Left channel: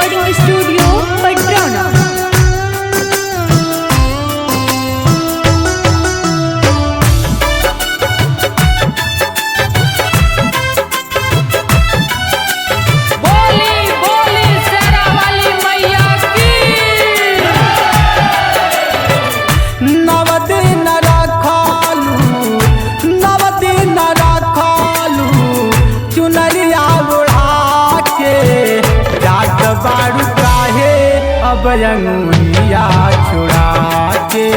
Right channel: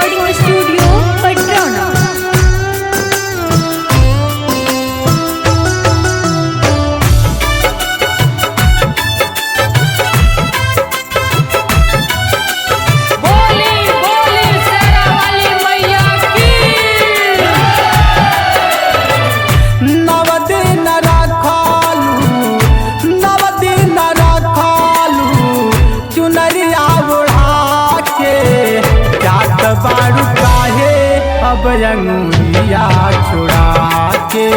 Recording studio Padrauna. बोली बोली शेरा वाली मैया की। नव दिन रखालू चुनरिया उड़ा के जात बारू काहे अब अंगुरिया छुड़ा के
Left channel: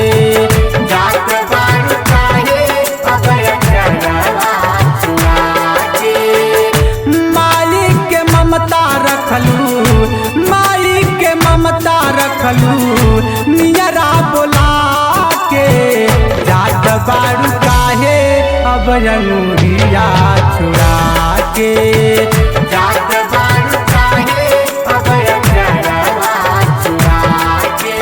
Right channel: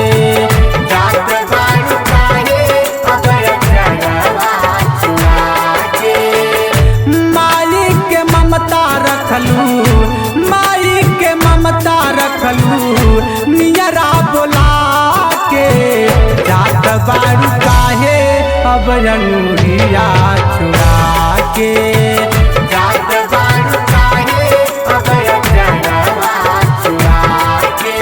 जात बारू काहे अब अचरवा छुड़ा के माई के ममता रखलू नियरा बोला के जात बारू काहे अब अंगुरिया छुड़ा के जात बारू काहे अब अचरवा छुड़ा के।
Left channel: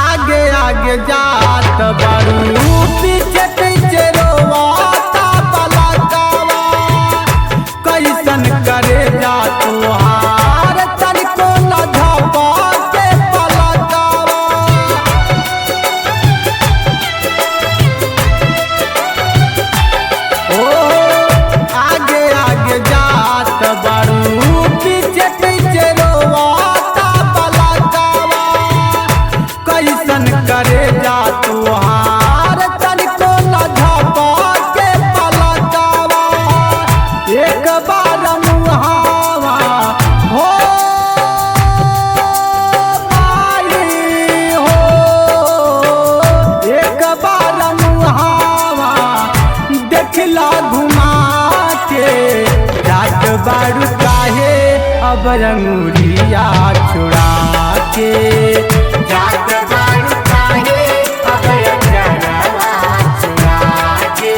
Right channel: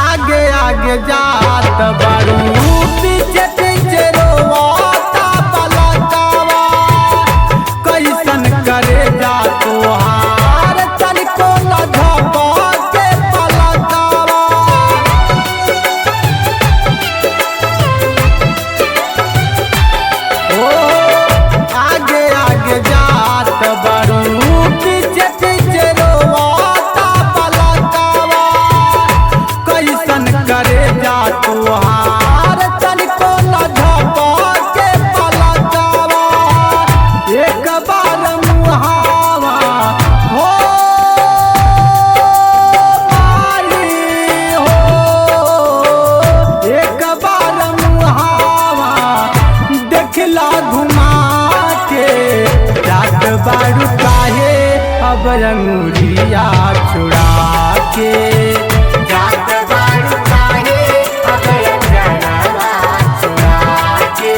आगे आगे जात बारू पीछे पीछे रोवाता पलकावा कैसन करे जा तुहार तनिको न झपा के पलकावा। ओ आगे आगे जात बारू पीछे पीछे रोवाता पलकावा कैसन करे जा तुहार तनिको न झपा के पलकावा। एक बार मुहावा हो मारी हो एक बार मुहावा देखला घुमा के जात बारू काहे अब अंगुरिया छुड़ा के जात बारू काहे अब अचरवा छुड़ा के।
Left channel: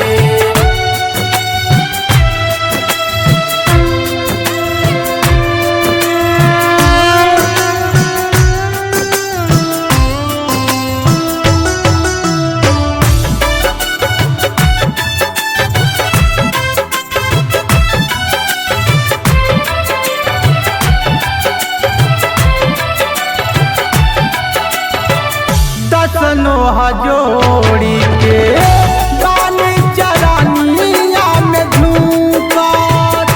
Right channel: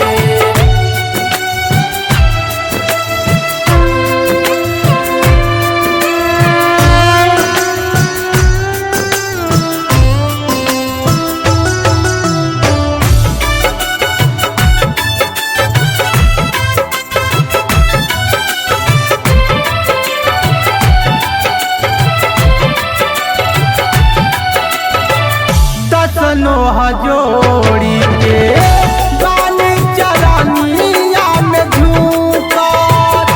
दसनो हजोड़ी के बानी चरनिया में झूकर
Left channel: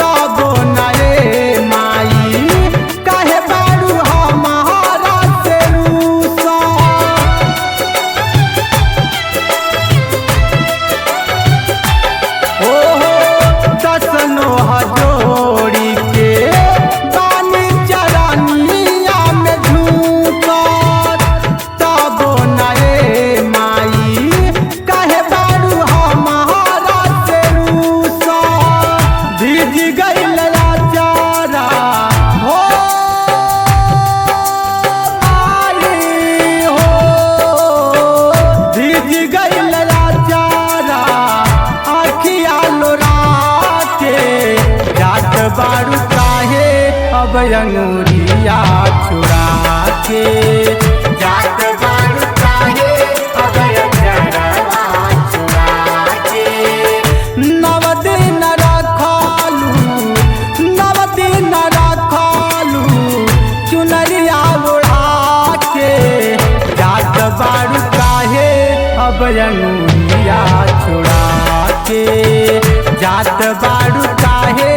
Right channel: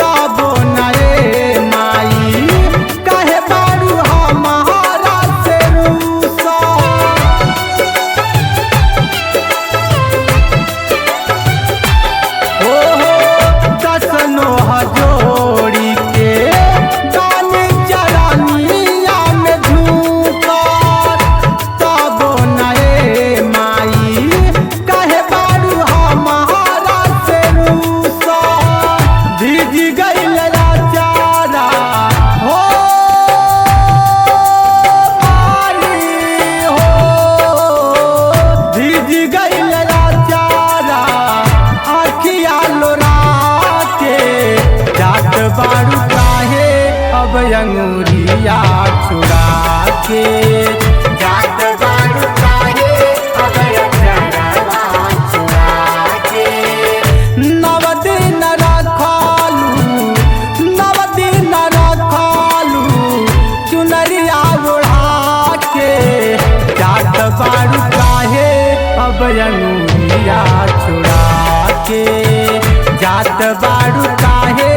तबो नए माई कहे बारू हमारा से रूसा। ओहो दसनो हजोड़ी के बानी चरनिया में झूकर तबो नए माई कहे बारू हमारा से रूसा। भीज गईल चारा हो मारी हो भीज गईल चारा आखिया लोरा के जात बारू काहे अब अंगुरिया छुड़ा के जात बारू काहे अब अचरवा छुड़ा के। नव दिन रखालू चुनरिया उड़ा के जात बारू काहे अब अंगुरिया छुड़ा के जात बारू काहे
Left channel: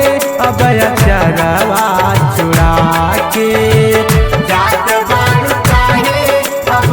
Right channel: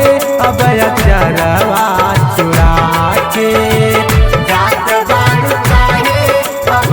अब अचरवा छुड़ा के जात बारू काहे अब